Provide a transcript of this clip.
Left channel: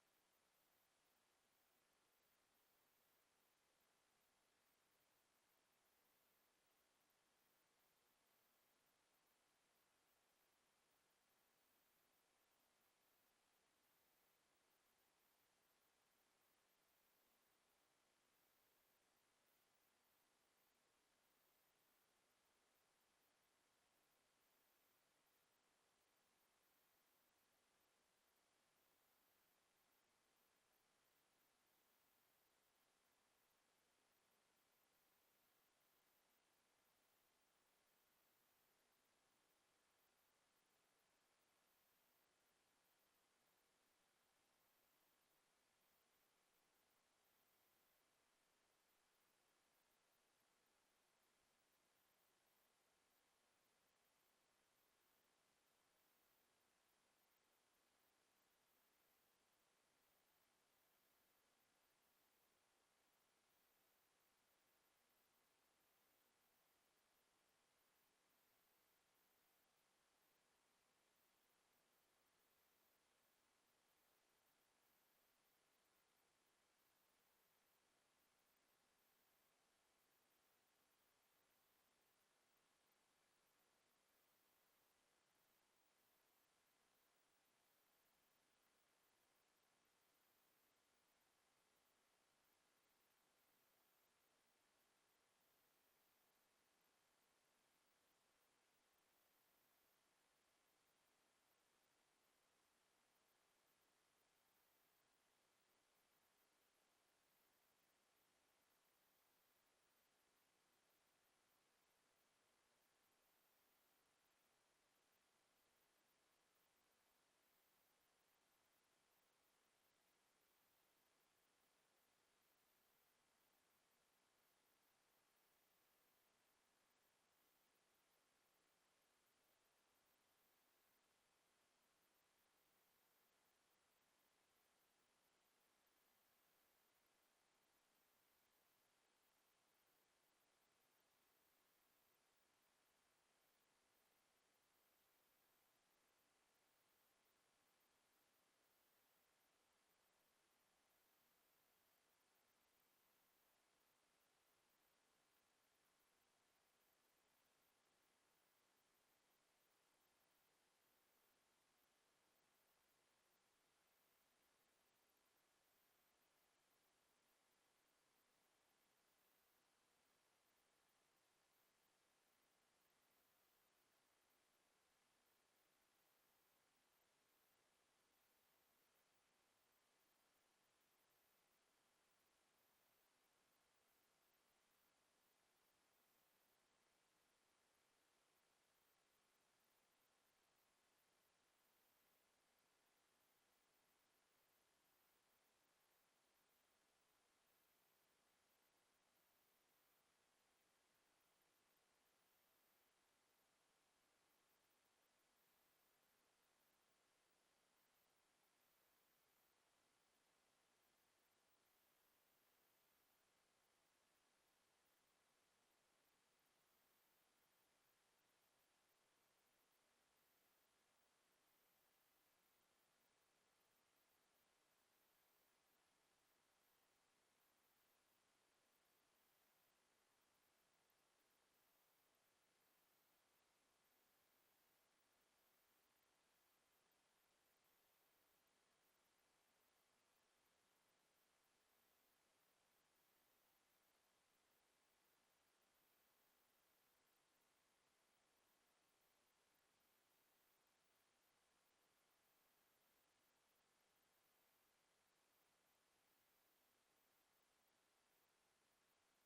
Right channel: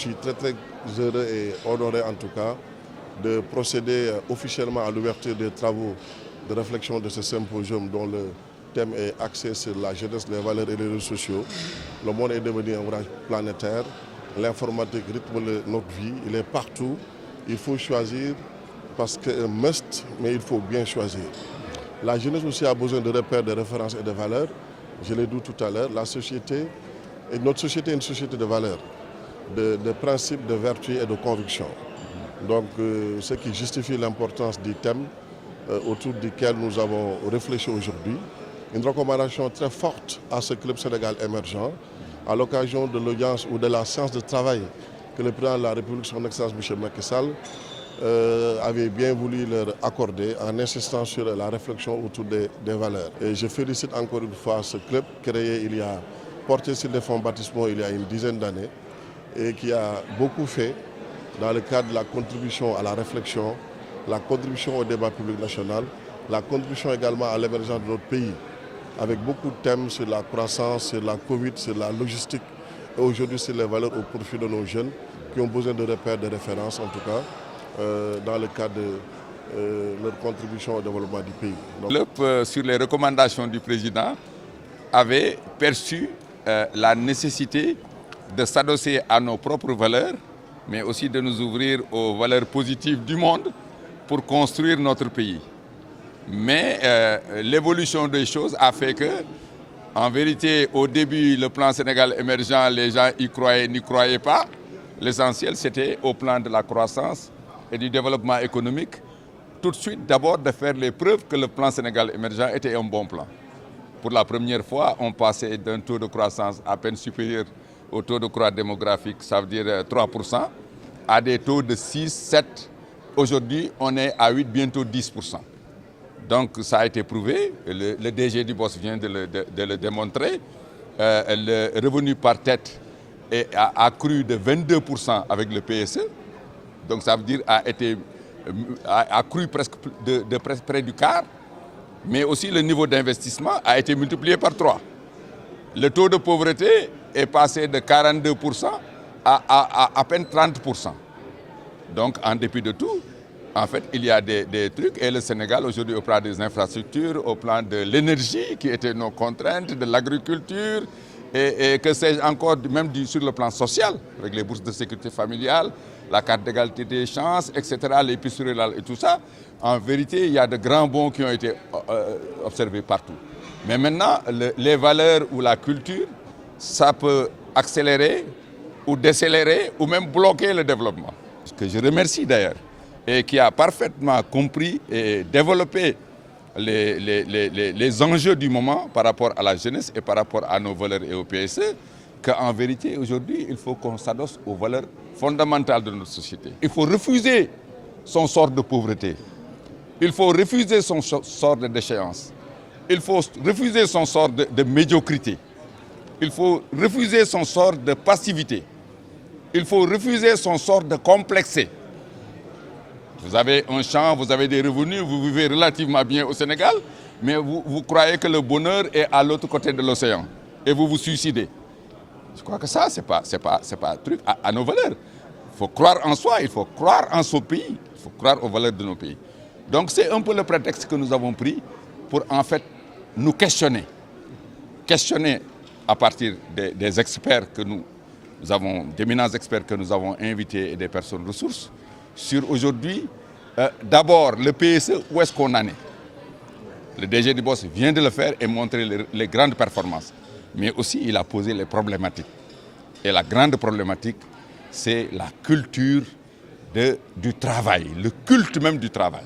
suis très heureux et honoré en tout cas de procéder officiellement à l'ouverture des travaux de réflexion de ce symposium dont le thème est axé sur la jeunesse, les valeurs et les réseaux sociaux. Le monde est devenu un ouvrage planétaire. L'informatique rythme notre vie, il est partout. Il faut choisir parce qu'un must, mais il faut bien choisir. La jeunesse aussi a besoin de repères, de références et de valeurs. Je l'ai dit tout à l'heure, notre société est une société de valeurs, de principes, de vertus et de convictions. Donc, ce qui justifie l'importance du thème autour duquel nous avons réfléchi aujourd'hui. Une recommandation très forte à ce club Sénégal émergent, à l'occasion de l'audience ou de la séance de travail que le président de la République, son Excellence M. Macky Sall, avait bien voulu leur accorder en insistant sur la réflexion autour des valeurs. Et je félicite encore une fois ce club créé porté sur des fonds baptismaux il y a une dizaine d'années et qui a beaucoup fait dans le cadre de la contribution à la réflexion, la contribution au débat public national, la contribution également à l'émergence de notre pays, avec beaucoup de thèmes sur la croissance, sur la Covid, sur la logistique et aujourd'hui sur les valeurs au profit de nos jeunes qui ont besoin de repères, de références en tout cas, dans le cadre de leur contribution au développement du pays. Donc, le club, sur les recommandations du président, avait perçu la nécessité de s'adosser à nos propres valeurs, mais aussi de nous ouvrir aux valeurs positives du monde pour construire notre pays. Mais l'évolution des choses a fait que, en vérité, au début, le plan Sénégal émergent, les gens y croyaient, n'y croyaient pas. L'essentiel, c'était au plan de la croissance et du développement économique, tout de suite, d'abord, de faire les preuves que le plan Sénégal émergent était un bon plan. Pour la première fois, on passait d'un taux de croissance à peine supérieur au taux de croissance démographique, ça veut dire 3%, à des taux de 6, 7. Aujourd'hui, on est à 8, bientôt 10%. Donc ça a été prouvé, le DG du BOS vient de le démontrer. Le revenu par tête a cru de 22% avec le PSE. Donc ça veut dire a cru presque près du quart. Mais aussi le niveau d'investissement a été multiplié par 3. Le taux de pauvreté est passé de 42% à peine 30%. Donc en dépit de tout, en fait, il y a des trucs. Et le Sénégal aujourd'hui au plan des infrastructures, au plan de l'énergie qui étaient nos contraintes, de l'agriculture et que sais-je encore, même sur le plan social, avec les bourses de sécurité familiale, la carte d'égalité des chances, etc., les pistes rurales et tout ça. En vérité, il y a de grands bons qui ont été observés partout. Mais maintenant, les valeurs ou la culture, ça peut accélérer ou décélérer ou même bloquer le développement. Ce que je remercie d'ailleurs, et qui a parfaitement compris et développé les enjeux du moment par rapport à la jeunesse et par rapport à nos valeurs et au PSE, qu'en vérité, aujourd'hui, il faut qu'on s'adosse aux valeurs fondamentales de notre société. Il faut refuser son sort de pauvreté. Il faut refuser son sort de déchéance. Il faut refuser son sort de médiocrité. Il faut refuser son sort de passivité. Il faut refuser son sort de complexé. Vous avez un champ, vous avez des revenus, vous vivez relativement bien au Sénégal, mais vous croyez que le bonheur est à l'autre côté de l'océan et vous vous suicidez. Je crois que ça, ce n'est pas un truc à nos valeurs. Il faut croire en soi, il faut croire en son pays, il faut croire aux valeurs de nos pays. Donc c'est un peu le prétexte que nous avons pris pour en fait nous questionner. Questionner à partir des experts que nous avons, d'éminents experts que nous avons invités et des personnes ressources, sur aujourd'hui, d'abord le PSE, où est-ce qu'on en est? Le DG du BOS vient de le faire et montrer les grandes performances. Mais aussi, il a posé les problématiques. Et la grande problématique, c'est la culture du travail, le culte même du travail.